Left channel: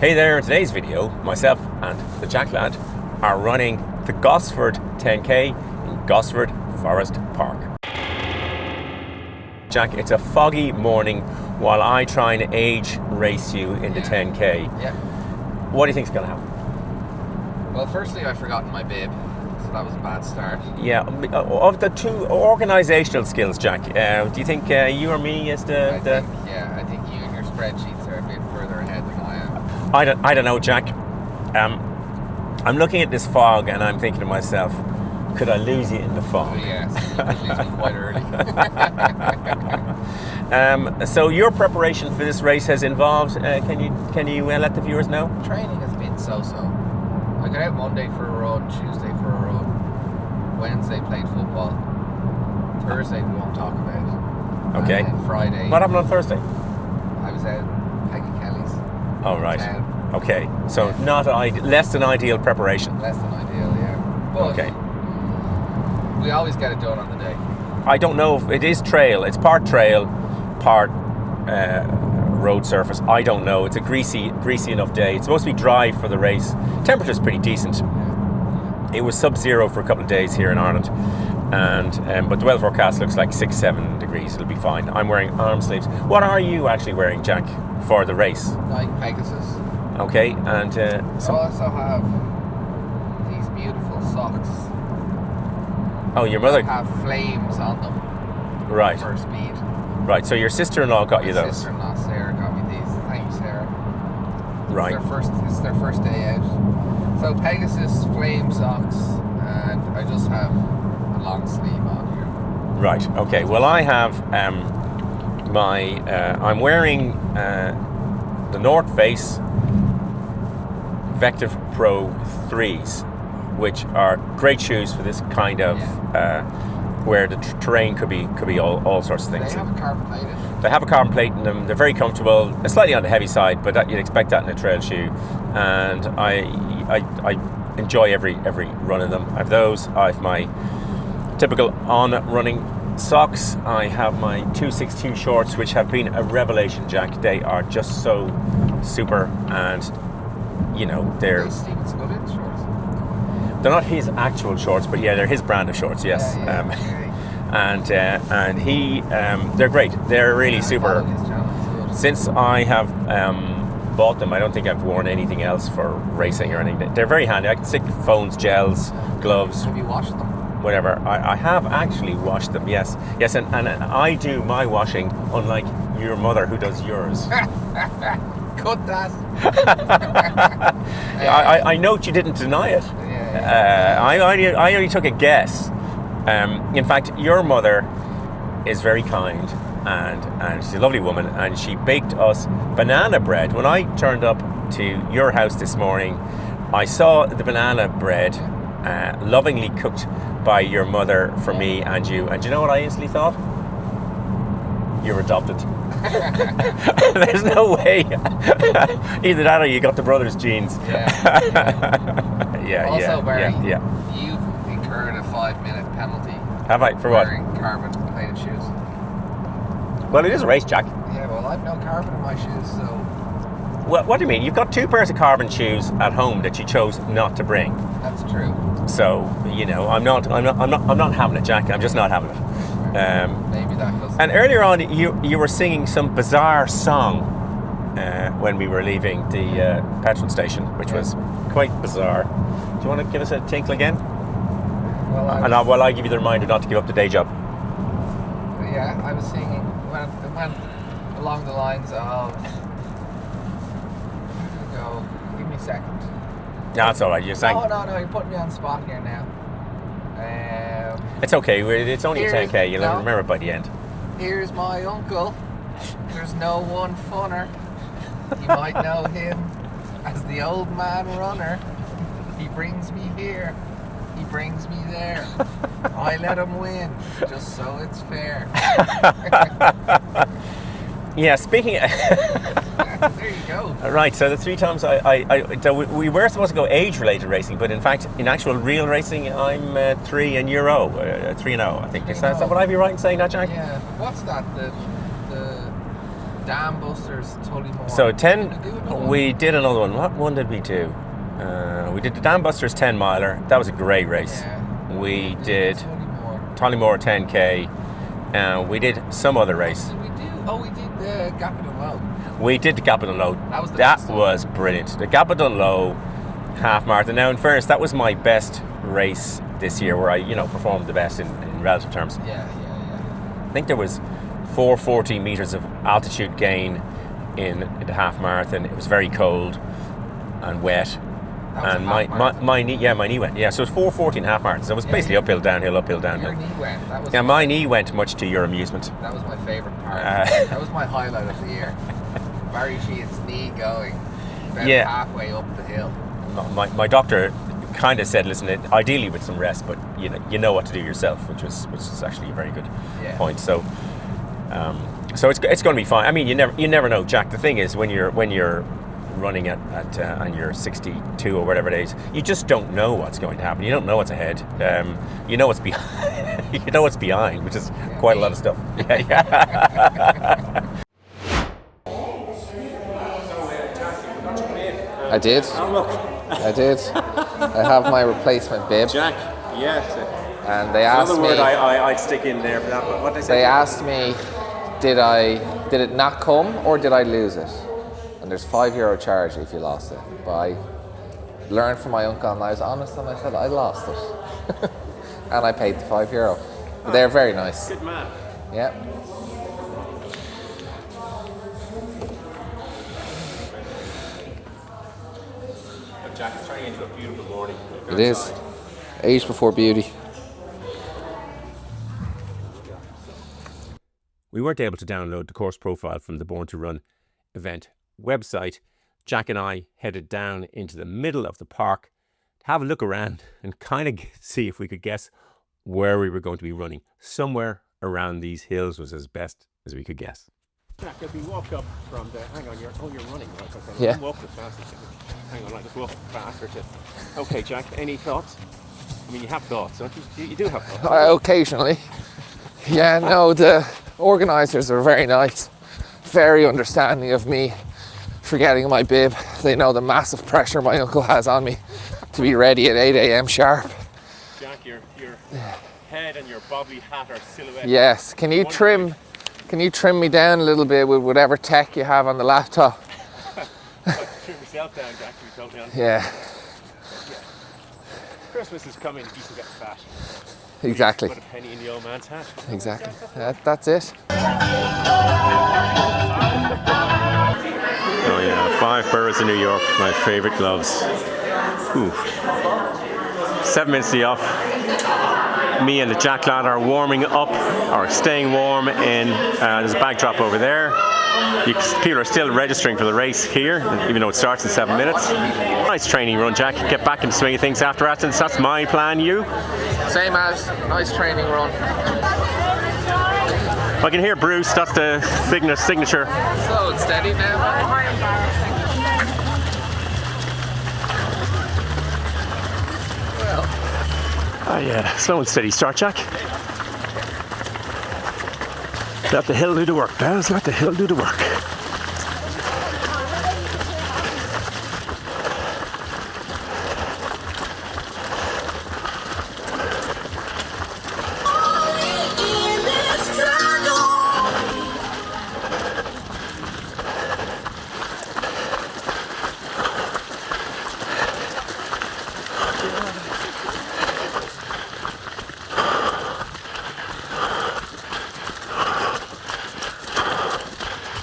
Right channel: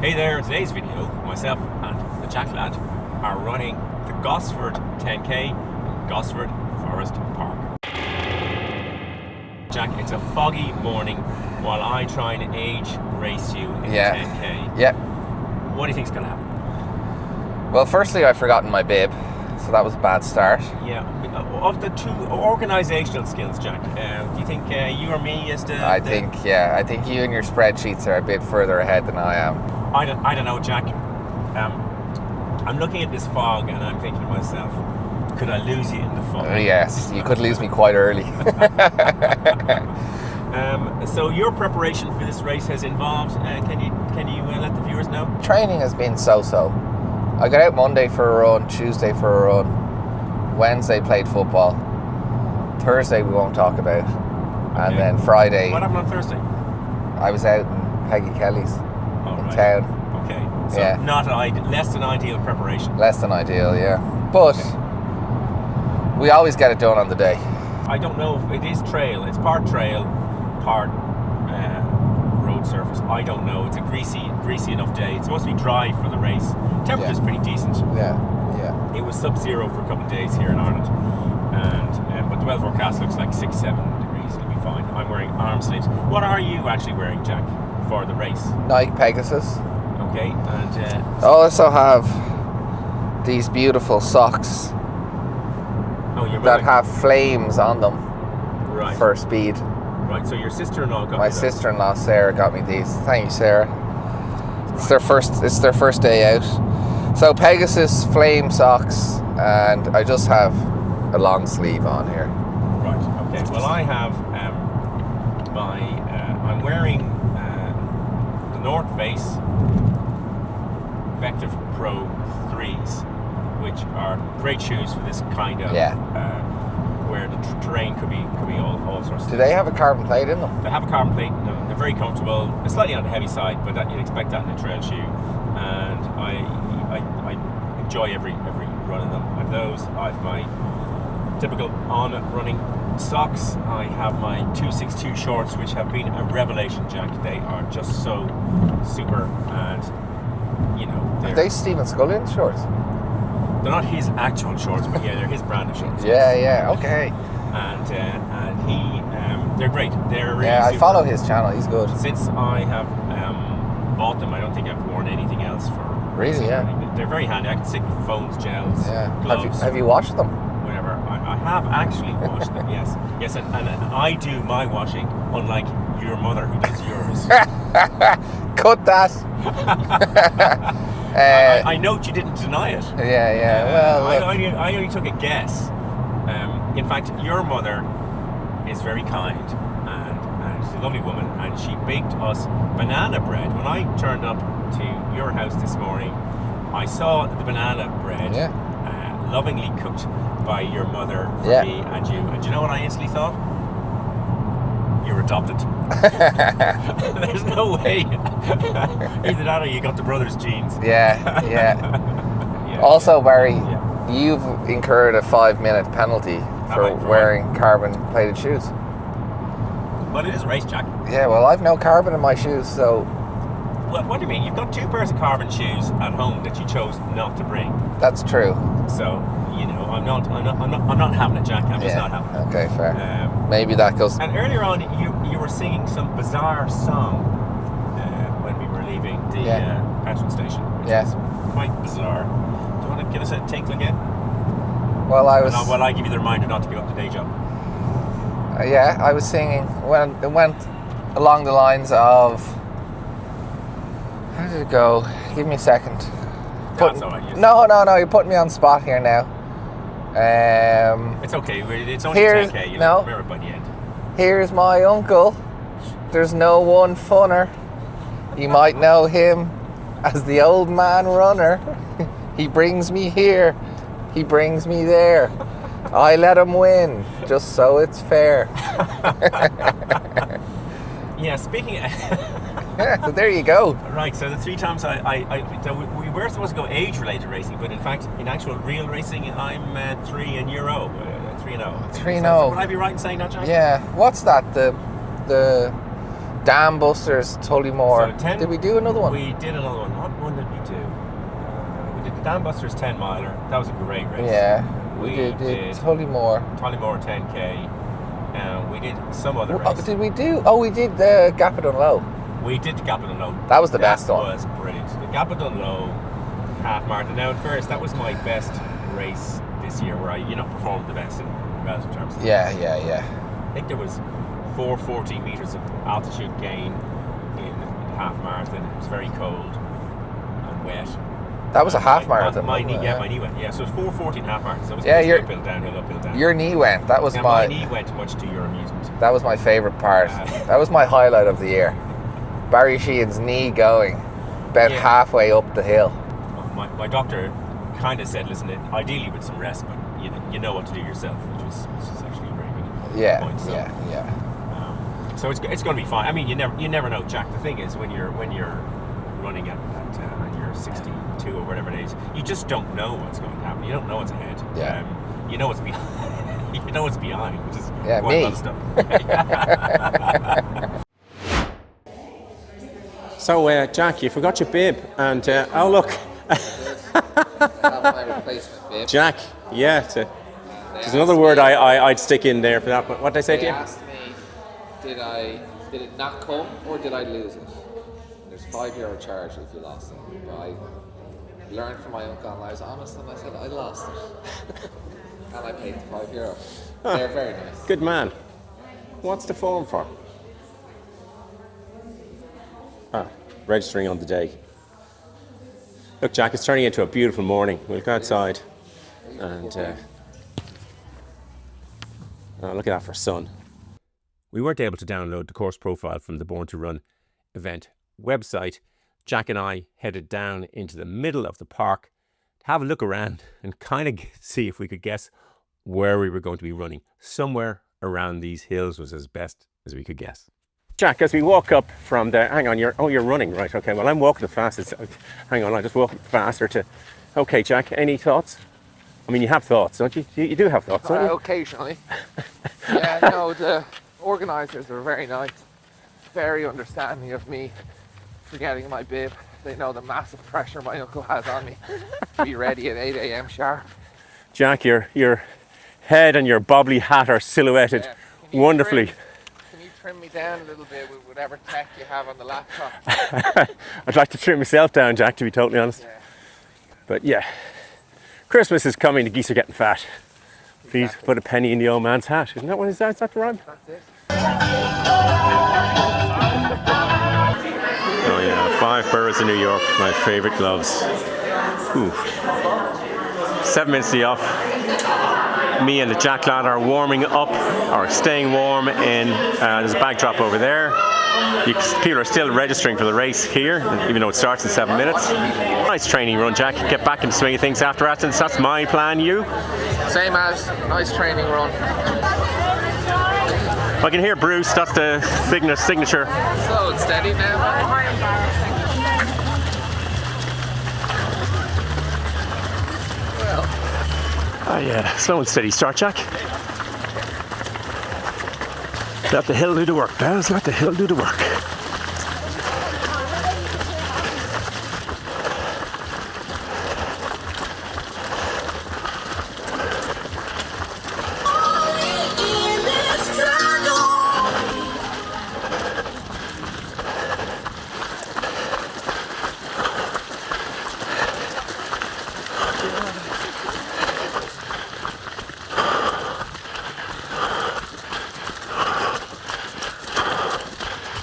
Hey there, in today's video, myself and the Jack lad are running the Gosford 10K in Gosford Forest Park. Jack, it's a foggy morning while I try and age race you in the 10K. Yeah. What do you think's going to happen? Well, firstly, I've forgotten my bib, so that was a bad start. Yeah, of the two organisational skills, Jack, do you think you or me is the... I think you and your spreadsheets are a bit further ahead than I am. I don't know, Jack. I'm looking at this fog and I'm thinking to myself, could I lose you in the fog? Yes, you could lose me quite early. So your preparation for this race has involved, can you let the viewers know? Training has been so-so. I got out Monday for a run, Tuesday for a run, Wednesday played football, Thursday we won't talk about, Okay. and then Friday... What happened on Thursday? I was out in Peggy Kelly's. Oh, right. Town. Okay, so Yeah. less than ideal preparation. Less than ideal, yeah. But we always get it done on the day. I don't know if it is trail. It's part trail, part road surface. I don't know. It's a greasy enough day. It's supposed to be dry for the race. Temperature's pretty decent. Yeah. It was sub-zero for a couple of days here in Ireland, and but the weather forecast looks like 6-7 degrees. It'll be fine. I'm wearing arm sleeves. What are you actually wearing, Jack, for the race? Nike Pegasus. Okay, and I also have these beautiful socks your that mother have flames on them right. for speed. Right, so your sister-in-law got My you those. sister-in-law Sarah got me these. Thank you, Sarah. Right. It's their first day out. So Pegasus flame socks, and I just have a long sleeve on here. Right. Okay. Well, I have I'm wearing the North Face Vector Pro 3s, which are great shoes for this kind of where the terrain could be all sorts of Do things. they have a carbon plate in them? They have a carbon plate in them. They're very comfortable. Slightly on the heavy side, but you'd expect that in a trail shoe. And I enjoy every run of them. I have those. I have my typical on-running socks. I have my 262 shorts, which have been a revelation, Jack. They are just so super, and Are they Stephen Scullion's shorts? they're not his actual shorts, but they're his brand of shorts. Yes. Yeah. Okay. And he, they're great. They're really super. I follow his channel. He's good. Since I have bought them, I don't think I've worn anything else for racing or anything. They're very handy. I can stick phones, gels, gloves. Have you washed them? Whatever. I have actually washed them. Yes, and I do my washing, unlike your mother who does yours. Cut that. I note you didn't deny it. Yeah. I only took a guess. In fact, your mother is very kind, and she's a lovely woman, and she baked us banana bread. When I turned up to your house this morning, I saw the banana bread lovingly cooked by your mother for me and you. And you know what I instantly thought? You're adopted. There's no way. Either that or you got the brother's genes. Yeah. Also, Barry, you've incurred a 5-minute penalty for wearing carbon-plated shoes. Well, it is a race, Jack. Yeah, well, I've no carbon in my shoes, so... Well, what do you mean? You've got 2 pairs of carbon shoes at home that you chose not to bring. That's true. So, I'm not having it, Jack. I'm just not having it. Okay, fair. Maybe that goes... And earlier on, you were singing some bizarre song when we were leaving the petrol station, which was quite bizarre. Do you want to give us a tinkle again? Well, while I give you the reminder not to give up the day job. I was singing. It went along the lines of... How did it go? Give me a second. No, that's all right. No, you're putting me on the spot here now. It's okay. It's only 10K. You'll remember by the end. Here's my uncle. There's no one funner. You might know him as the old man runner. He brings me here. He brings me there. I let him win, just so it's fair. Yeah, speaking of... So there you go. Right, so the 3 times we were supposed to go age-related racing, but in fact, in actual real racing, I'm 3 and you're 0. 3 and 0, I think. 3 and So 0. would I be right in saying that, Jack? Yeah. What's that? The Dam Busters, Tullymore. So 10. Did we do another one? We did another one. What one did we do? We did the Dam Busters 10 miler. That was a great race. Yeah. We did Tullymore. 10K. We did some other race. What did we do? Oh, we did the Gappadon Low. We did the Gappadon Low. That was the best one. That was brilliant. The Gappadon Low half marathon. Now, in fairness, that was my best race this year, where I, performed the best in relative terms. Yeah. I think there was 440 meters of altitude gain in the half marathon. It was very cold and wet. That was a half marathon. My knee went. Yeah, so it was 4:14 half marathon. So it was basically uphill, downhill. Your knee went. That was my knee went, much to your amusement. That was my favourite part. That was my highlight of the year. Barry Sheehan's knee going about halfway up the hill. My doctor kind of said, listen, ideally with some rest, but you know what to do yourself, which was actually a very good point. So so it's going to be fine. I mean, you never know, Jack. The thing is, when you're running at and you're 62 or whatever it is, you just don't know what's going to happen. You don't know what's ahead. You know what's behind. You know what's behind, which is quite a lot of stuff. So, Jack, you forgot your bib. And, I did. Oh, look. I did. I have my replacement bib. Jack, yeah. And they asked me... another word I'd stick in there for that. What did I say? They asked me, did it not come or did I lose it? And there's €5 charge if you lost it. But I learned from my uncle and I was honest and I said I lost it. And I paid the €5. Oh, they're very nice. Good man. Yeah. What's the phone for? Registering on the day. Look, Jack, it's turning into a beautiful morning. We'll go outside. Age before beauty. Oh, look at that for sun. We weren't able to download the course profile from the Born2Run event website. Jack and I headed down into the middle of the park to have a look around and kind of see if we could guess where we were going to be running. Somewhere around these hills was as best as we could guess. Jack, as we walk up from the... Hang on, you're running, right? Okay, well, I'm walking the fastest. Hang on, I just walk faster to... Okay, Jack, any thoughts? I mean, you have thoughts, don't you? You do have thoughts, don't you? Occasionally. Yeah, no, the organisers are very nice. Very understanding of me forgetting my bib. They know the massive pressure my uncle has on me to be ready at 8 a.m. sharp. Jack, your head and your bobbly hat are silhouetted. Yes, can you trim me down a little bit with whatever tech you have on the laptop? I'd like to trim myself down, Jack, to be totally honest. Yeah. But yeah, Christmas is coming, the geese are getting fat. Exactly. Please put a penny in the old man's hat. Isn't that exactly. what is that right? That's it. Oh yeah, 5 boroughs in New York, my favourite gloves. Ooh. 7 minutes to the off. Me and the Jack lad are warming up, or staying warm in, there's a backdrop over there. People are still registering for the race here, even though it starts in 7 minutes. Nice training run, Jack. Get back in the swing of things after Athens. That's my plan. You? Same as. Nice training run. I can hear Bruce. That's the signature. Slow and steady now. Oh yeah, slow and steady start, Jack. Let the hill do the work, pals. Let the hill do the work.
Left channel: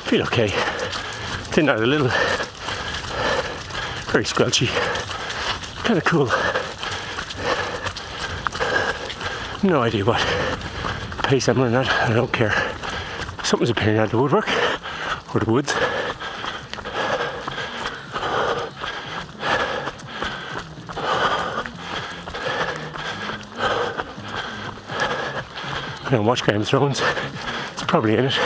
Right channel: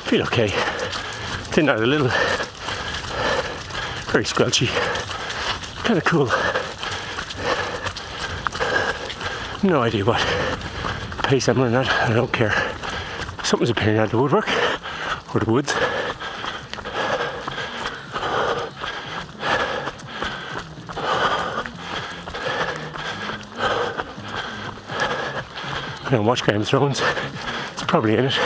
Feel okay. Thin out a little. Very squelchy. Kind of cool. No idea what pace I'm running at. I don't care. Something's appearing out of the woodwork or the woods. I'm gonna watch Game of Thrones. It's probably in it.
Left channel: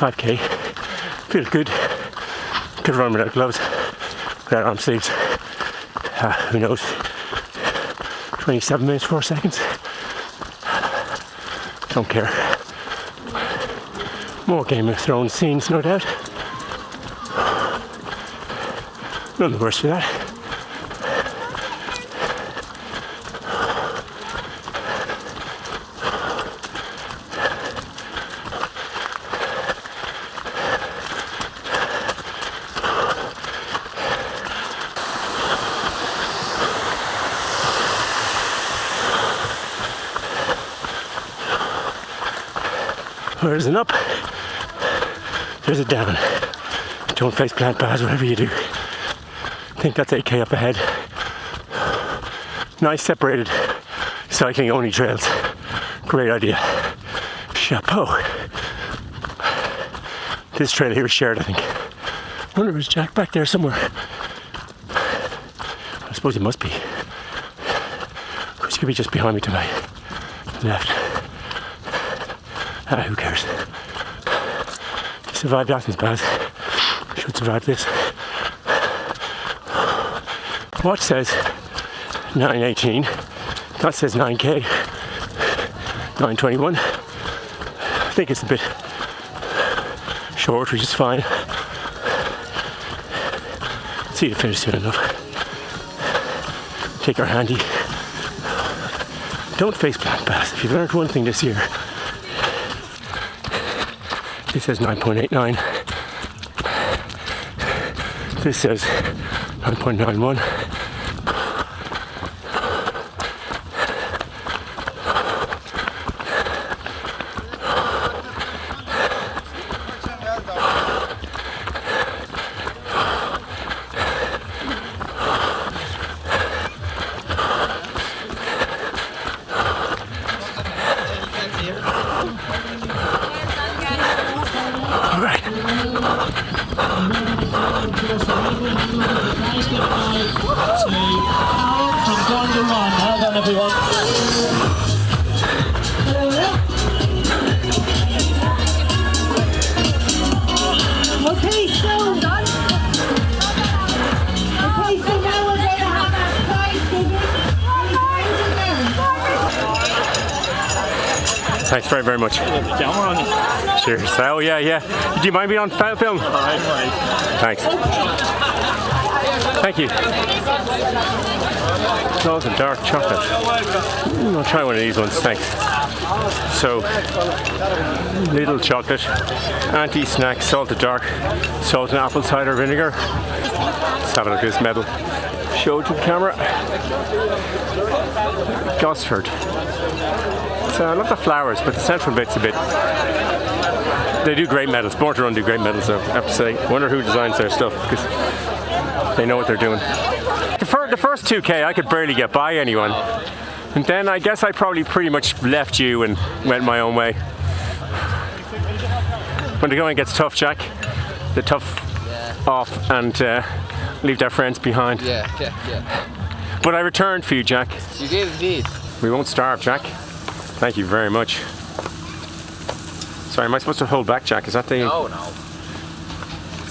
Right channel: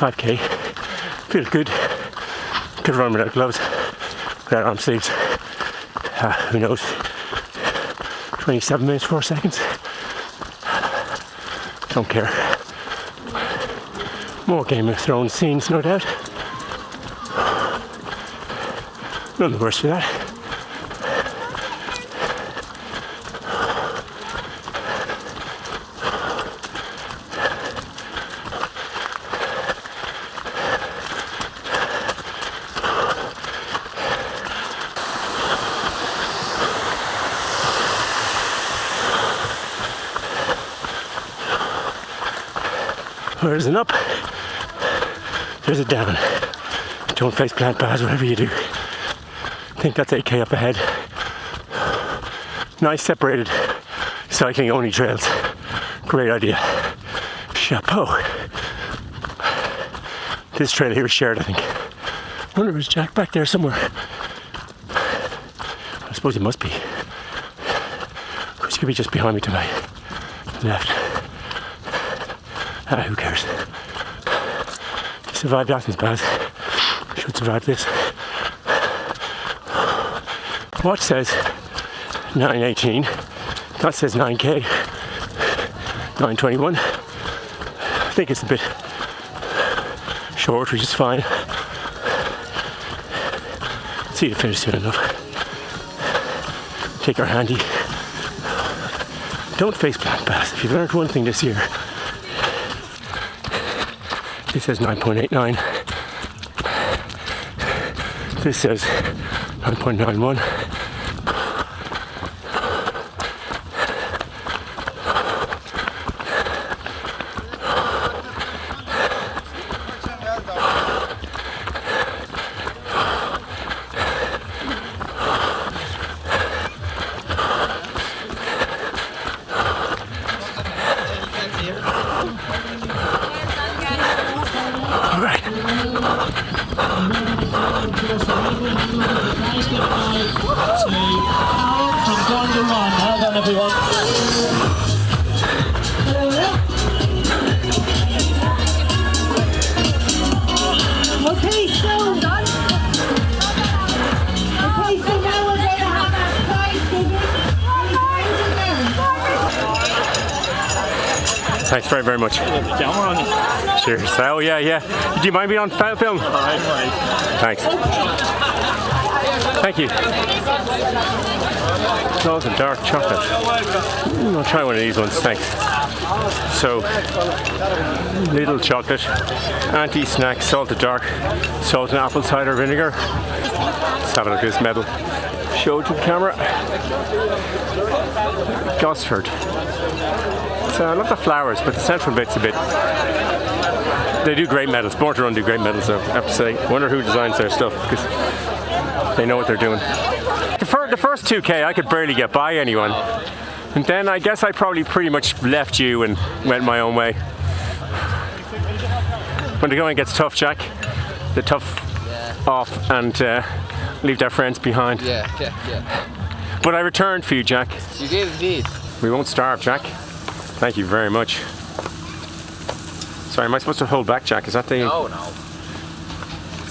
5k. Feels good. Could run without gloves, without arm sleeves. Who knows? 27 minutes, 4 seconds. Don't care. More Game of Thrones scenes, no doubt. None the worse for that. There's an up, there's a down. Don't face plant paths, whatever you do. I think that's 8k up ahead. Nice separated cycling only trails. Great idea. Chapeau. This trail here is shared, I think. I wonder if there's Jack back there somewhere. I suppose he must be. Which could be just behind me to my left. Who cares? He survived Athens pass. Should survive this. Watch says 9:18. That says 9k. 9:21. I think it's a bit short, which is fine. See the finish soon enough. Take our handy. Don't face plant pass. If you've learned one thing this year, this says 9.89. This says 9.91. From Born2Run. Well done, everyone. Okay, so now we're going to have our prize giving. Thanks very, very much. Camera on you. Cheers. Oh, yeah. Do you mind being on film? Thanks. Thank you. Oh, some dark chocolate. I'll try one of these ones, thanks. So, little chocolate, anti-snack, salted dark, salt and apple cider vinegar. Let's have a look at this medal. Show it to the camera. Gosford. So I love the flowers, but the central bit's a bit... They do great medals. Born2Run do great medals, though, I have to say. I wonder who designs their stuff, because they know what they're doing. The first 2k, I could barely get by anyone. And then I guess I probably pretty much left you and went my own way. When the going gets tough, Jack, the tough off and leave their friends behind. Yeah. But I returned for you, Jack. You did indeed. We won't starve, Jack. Thank you very much. Sorry, am I supposed to hold back, Jack? Is that the No.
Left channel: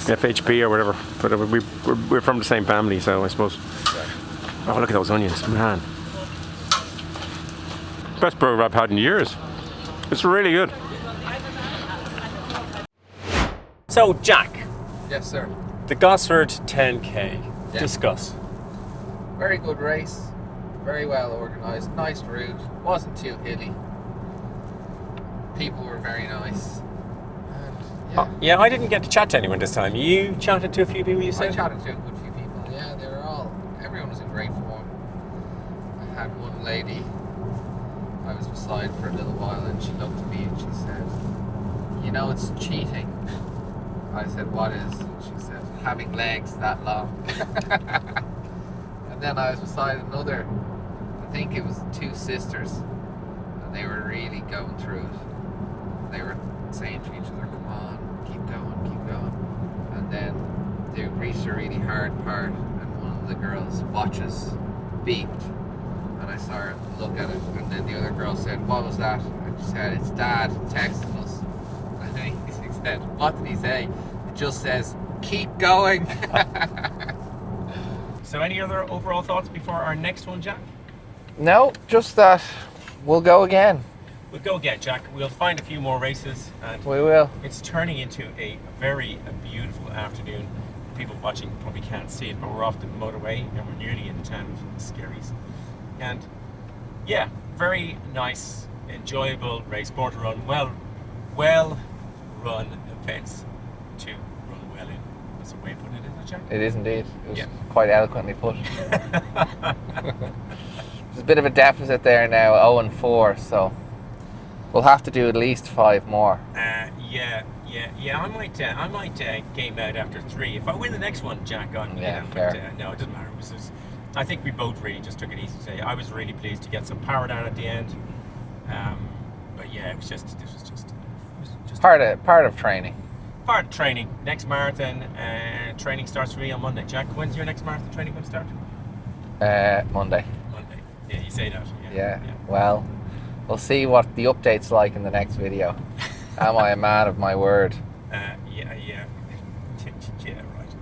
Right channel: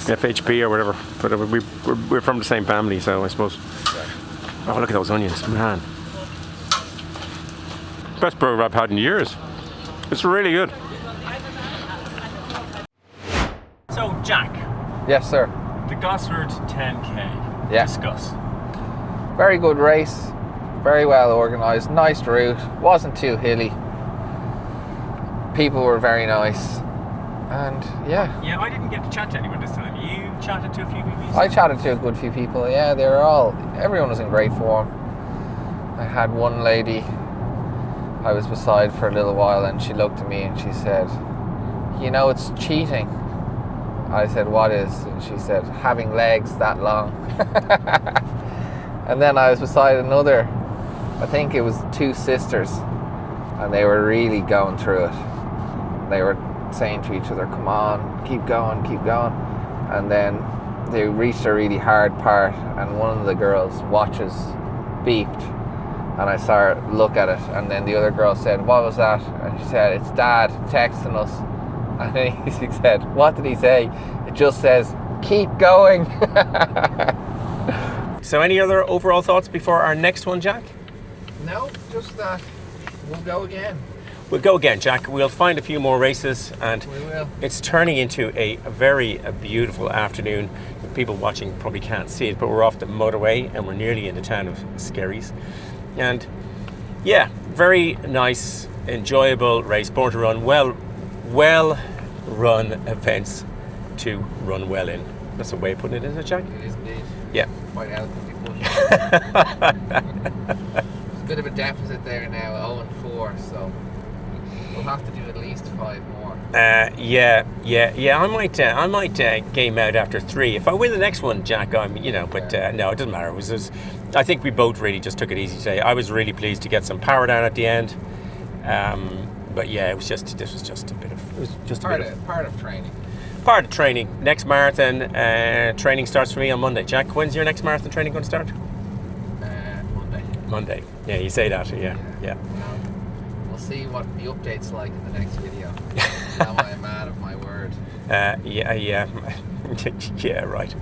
FHB or whatever? But we're from the same family, so I suppose. Oh, look at those onions, man. Best burger I've had in years. It's really good. So, Jack, Yes, sir. the Gosford 10k. Yeah. Discuss. Very good race. Very well organised. Nice route. Wasn't too hilly. People were very nice. And yeah. Yeah, I didn't get to chat to anyone this time. You chatted to a few people, you said? I chatted to a good few people. Yeah, everyone was in great form. I had one lady I was beside for a little while, and she looked at me and she said, "You know, it's cheating." I said, "What is?" And she said, "Having legs that long." And then I was beside another, I think it was two sisters, and they were really going through it. They were saying to each other, "Come on, keep going, keep going." And then they reached a really hard part, and one of the girls' watches beeped, and I saw her look at it, and then the other girl said, "What was that?" And she said, "It's Dad texting us." And then he said, what did he say? It just says, keep going. So any other overall thoughts before our next one, Jack? No, just that we'll go again. We'll go again, Jack. We'll find a few more races, and We will. it's turning into a very beautiful afternoon. People watching probably can't see it, but we're off the motorway and we're nearly in the town of Skerries. And yeah, very nice, enjoyable race. Born to Run, well run events to run well in. That's a way of putting it, isn't it, Jack? It is indeed. It was Yeah. quite eloquently put. There's a bit of a deficit there now, 0-4, so we'll have to do at least 5 more. Yeah. I might game out after 3. If I win the next one, Jack, Yeah, but fair. no, it doesn't matter. It was I think we both really just took it easy today. I was really pleased to get some power down at the end. But yeah, this was just a bit of, it was just Part of training. part of training. Next marathon training starts for me on Monday. Jack, when's your next marathon training going to start? Monday. Monday. Yeah, you say that. Yeah. Yeah. Well, we'll see what the update's like in the next video. Am I a man of my word? Yeah. Yeah, right.